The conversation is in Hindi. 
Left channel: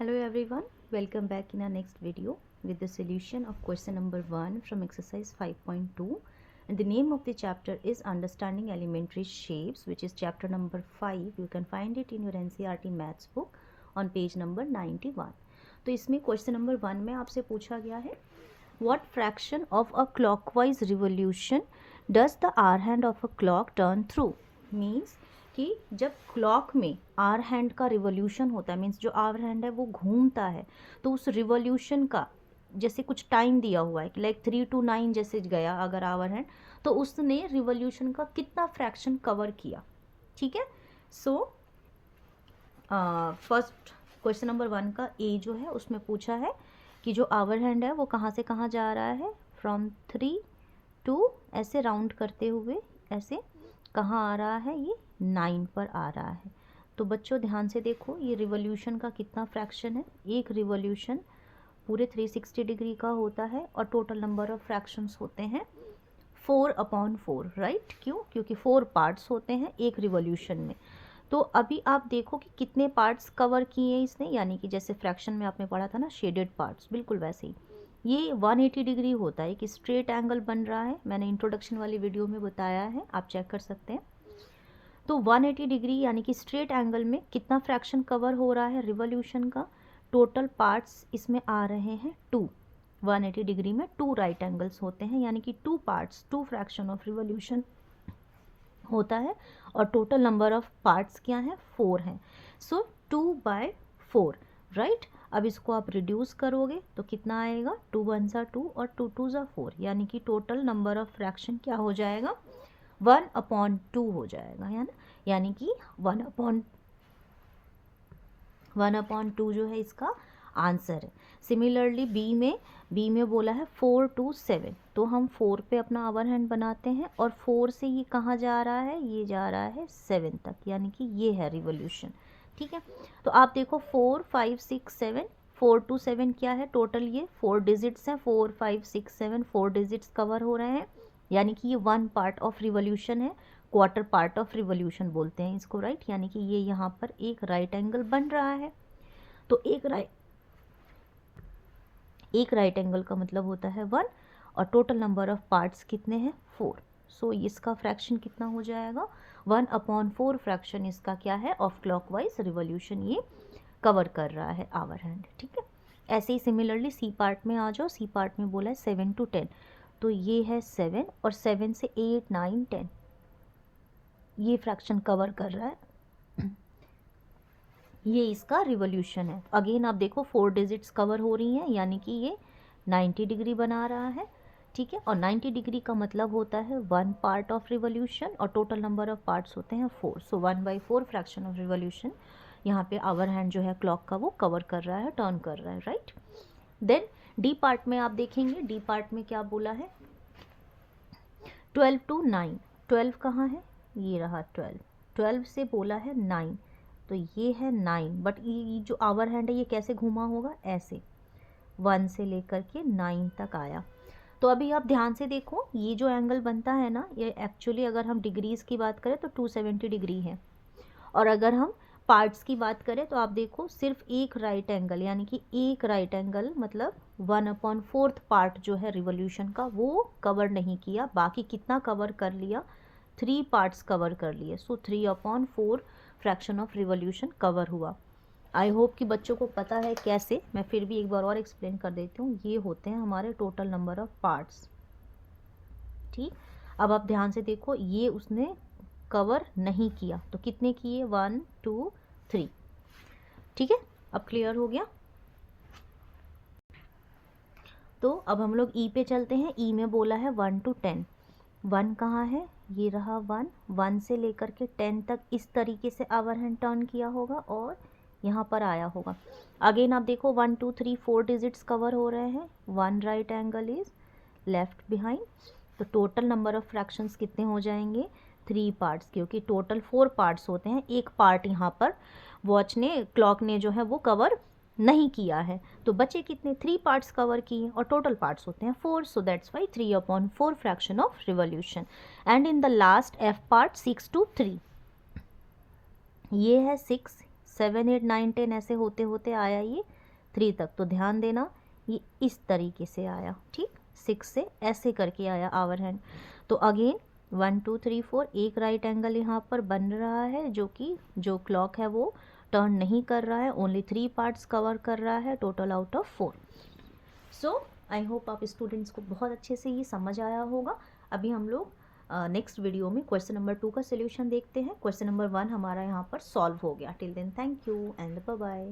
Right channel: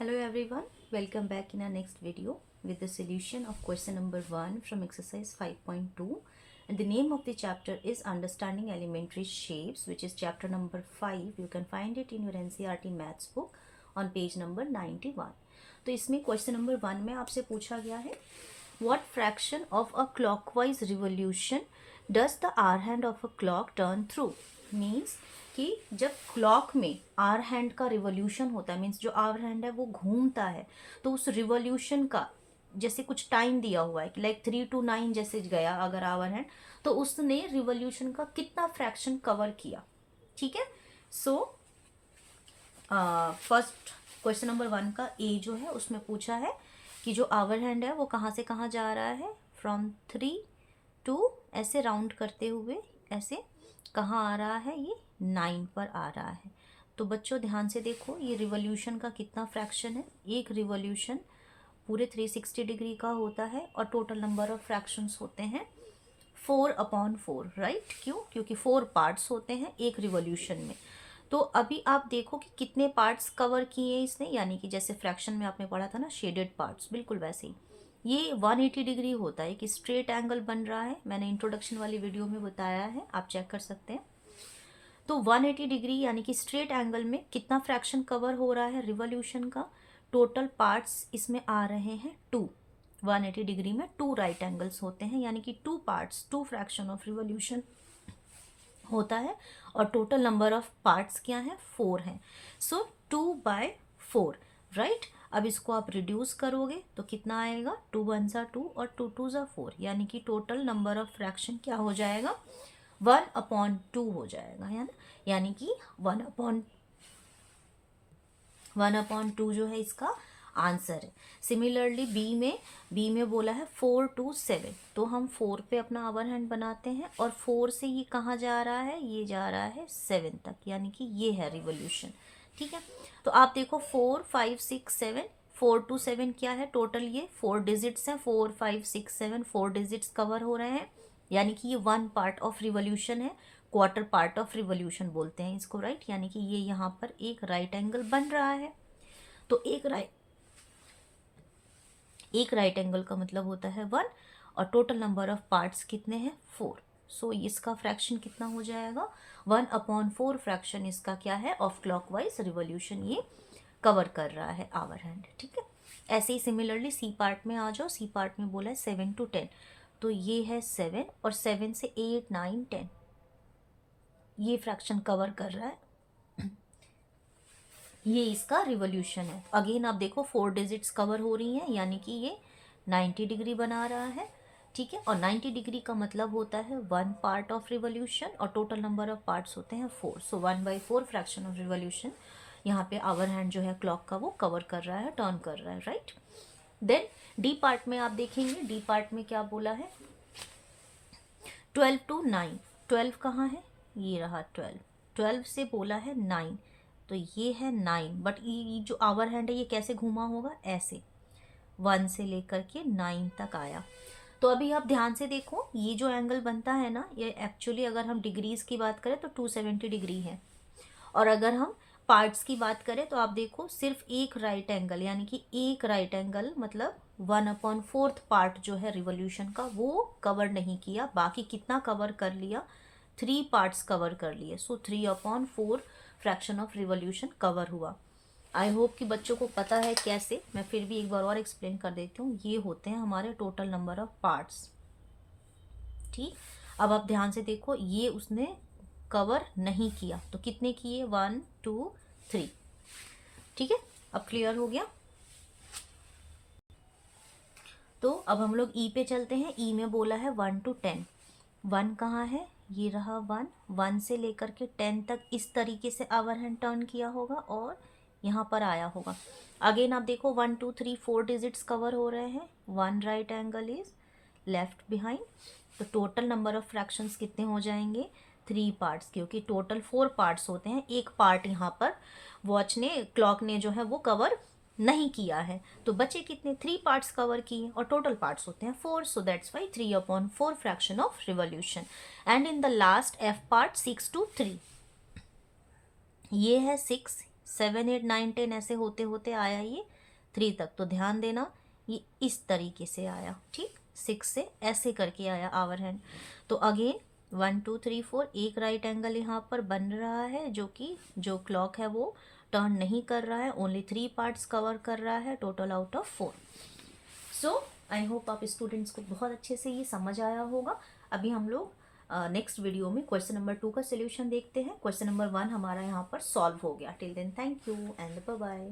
Hello everyone, welcome back in our next video with the solution of question number 1 from exercise 5.2, and the name of the chapter is Understanding Elementary Shapes, which is chapter number 5. You can find it in your NCERT maths book on page number 91. तो इसमें क्वेश्चन नंबर 1 में आपसे पूछा गया है what fraction of a clockwise revolution does the hour hand of a clock turn through? Means कि जब क्लॉक में आर हैंड का रिवॉल्यूशन होता है, मीन्स जो आर हैंड है वो घूमता है, तो उस रिवॉल्यूशन का जैसे कुछ टाइम दिया हुआ है लाइक 3 to 9 जैसे गया अगर आवर हैंड, तो उसने रिवॉल्यूशन का कितना फ्रैक्शन कवर किया. ठीक है. सो फर्स्ट क्वेश्चन नंबर 1 का ए जो है उसमें पूछा है कि जो आवर हैंड है वो कहाँ से कहाँ जा रहा है, फ्रॉम 3 to ऐसे राउंड करते हुए ऐसे कहाँ आ रहा है, ये 9 पर आ रहा है. तो बच्चों ध्यान से देखो ये रिवॉल्यूशन का कितना फ्रैक्शन है. एक रिवॉल्यूशन पूरे 360 डिग्री का होता है और टोटल नंबर ऑफ फ्रैक्शंस होते हैं 4/4, राइट. क्यों? क्योंकि 4 पार्ट्स होते हैं एक रिवॉल्यूशन में. तो अभी आप देखो कि कितने पार्ट्स कवर किए इसने, यानी कि जैसे फ्रैक्शन में आपने पढ़ा था ना शेडेड पार्ट्स, बिल्कुल वैसे ही ये 180 डिग्री होता है कि स्ट्रेट एंगल बन रहा है. मैंने इंट्रोडक्शन वाली वीडियो में बताया है, आप चेक कर सकते हैं. तो 180 डिग्री यानी कि स्ट्रेट एंगल में कितना फ्रैक्शन कवर हो रहा है रिवॉल्यूशन का. टोटल पार्ट्स इसमें आ रहे हैं 2. 180 डिग्री में 2 राइट एंगल्स होते हैं, यानी कि 2 पार्ट्स 2 फ्रैक्शन ऑफ रिवॉल्यूशन होता है. और टोटल नंबर ऑफ पार्ट्स क्या है, 4 हैं. सो 2/4, राइट. अब इसको आप रिड्यूस करोगे तो कितना आएगा, 2 1 2 और 2 2 4, यानी कि टोटल नंबर ऑफ फ्रैक्शन क्या हो जाएगा, 1/2 हो जाएगा, है ना. यानी कि 1/2 जो है इसका आंसर है. सिमिलरली बी में बोला है 4 to 7, तो हम 4 पे अपना आवर हैंड बनाते हैं और 4 से ये कहाँ जा रहा है, ये जा रहा है 7 तक, यानी कि ये है रिवॉल्यूशन. ठीक है. तो आप देखो 4 5 6 7, 4 to 7 क्या है टोटल, ये 4 डिजिट्स हैं. 4 5 6 7 4 डिजिट्स कवर हो रहे हैं, यानी कि ये 1 पार्ट ऑफ रिवॉल्यूशन है. क्वार्टर पार्ट ऑफ रिवॉल्यूशन बोलते हैं इसको, राइट. यानी कि ये यहाँ पर एक राइट एंगल बन रहा है. तो एक राइट एंगल का मतलब होता है 1, और टोटल नंबर ऑफ पार्ट्स कितने हैं, 4. सो इसका फ्रैक्शन कितना हो जाएगा, 1/4 फ्रैक्शन इसका क्या है, ऑफ क्लॉकवाइज रिवॉल्यूशन ये कवर कर रहा है आवर हैंड. ठीक है. ऐसे ही सिमिलरली सी पार्ट में आ जाओ. सी पार्ट में बोला है 7 to 10, तो ये है 7 और 7 से 8 9 10 ये फ्रैक्शन कवर कर रहा है. ये इसका रिवॉल्यूशन है. अगेन आप देखो 4 डिजिट्स कवर हो रही हैं, यानी कि ये 90 डिग्री बना रहा है. ठीक है. और 90 डिग्री का मतलब होता है 1 पार्ट ऑफ रिवॉल्यूशन और टोटल नंबर ऑफ पार्ट्स होते हैं 4. सो 1/4 फ्रैक्शन ऑफ रिवॉल्यूशन यहाँ पे आवर हैंड जो है क्लॉक का वो कवर कर रहा है, टर्न कर रहा है, राइट. देन डी पार्ट में आप देखेंगे, डी पार्ट में क्या बोला है, 12 to 9. 12 कहाँ है, ये रहा 12. 12 से बोला है 9, तो ये है 9. बट ये जो आवर हैंड है ये कैसे घूमा होगा, ऐसे 1 से लेकर के 9 तक आया. तो अभी आप ध्यान से देखो ये जो एंगल बनता है ना, ये एक्चुअली अगर हम डिग्रीज की बात करें तो 270 डिग्री है. और अगर हम पार्ट्स की बात करें तो आप देखो सिर्फ एक राइट एंगल, यानी कि एक राइट एंगल मतलब 1/4 पार्ट जो है रिवॉल्यूशन का वो कवर नहीं किया. बाकी कितना कवर कर लिया, 3 पार्ट्स कवर कर लिए. सो 3/4 फ्रैक्शन ऑफ रिवॉल्यूशन कवर हुआ. आई होप कि बच्चों को पता है कैसे. मैं फिर भी एक बार और एक्सप्लेन कर देती हूँ. ये होते हैं हमारे टोटल नंबर ऑफ पार्ट्स. ठीक. अब आप ध्यान से देखो ये उसने कवर नहीं किया, तो कितने किए, 1 2 3. ठीक है. अब क्लियर हो गया. तो अब हम लोग ई पे चलते हैं. ई में बोला है 1 to 10. 1 कहाँ है, ये रहा 1. 1 से लेकर के 10 तक इस तरीके से आवर हैंड टर्न किया होगा और यहाँ पर आया होगा. अगेन आप देखो 1 2 3 4 डिजिट्स कवर हो रहे हैं. 1 right angle is left behind. तो टोटल नंबर ऑफ फ्रैक्शंस कितने हो जाएंगे, 3 पार्ट्स, क्योंकि टोटल 4 पार्ट्स होते हैं. एक पार्ट यहाँ पर वॉच ने क्लॉक ने जो है वो कवर नहीं किया है. तो बचे कितने, 3 पार्ट्स कवर किए और टोटल पार्ट्स होते हैं 4. So that's why 3/4 fraction of revolution. And in the last F part 6 to 3, ये है 6 7 8 9 10 ऐसे होते होते आया ये 3 तक। तो ध्यान देना ये इस तरीके से आया, ठीक। 6 से ऐसे करके आया आवर हैंड। तो अगेन 1 2 3 4 एक राइट एंगल यहाँ पर बन रहा है, जो कि जो क्लॉक है वो टर्न नहीं कर रहा है, ओनली 3 पार्ट्स कवर कर रहा है total out of 4। So I hope आप स्टूडेंट्स को बहुत अच्छे से ये समझ आया होगा। अभी हम लोग नेक्स्ट वीडियो में क्वेश्चन नंबर 2 का सोल्यूशन देखते हैं। क्वेश्चन नंबर 1 हमारा यहाँ पर सॉल्व हो गया। Till then thank you and bye bye.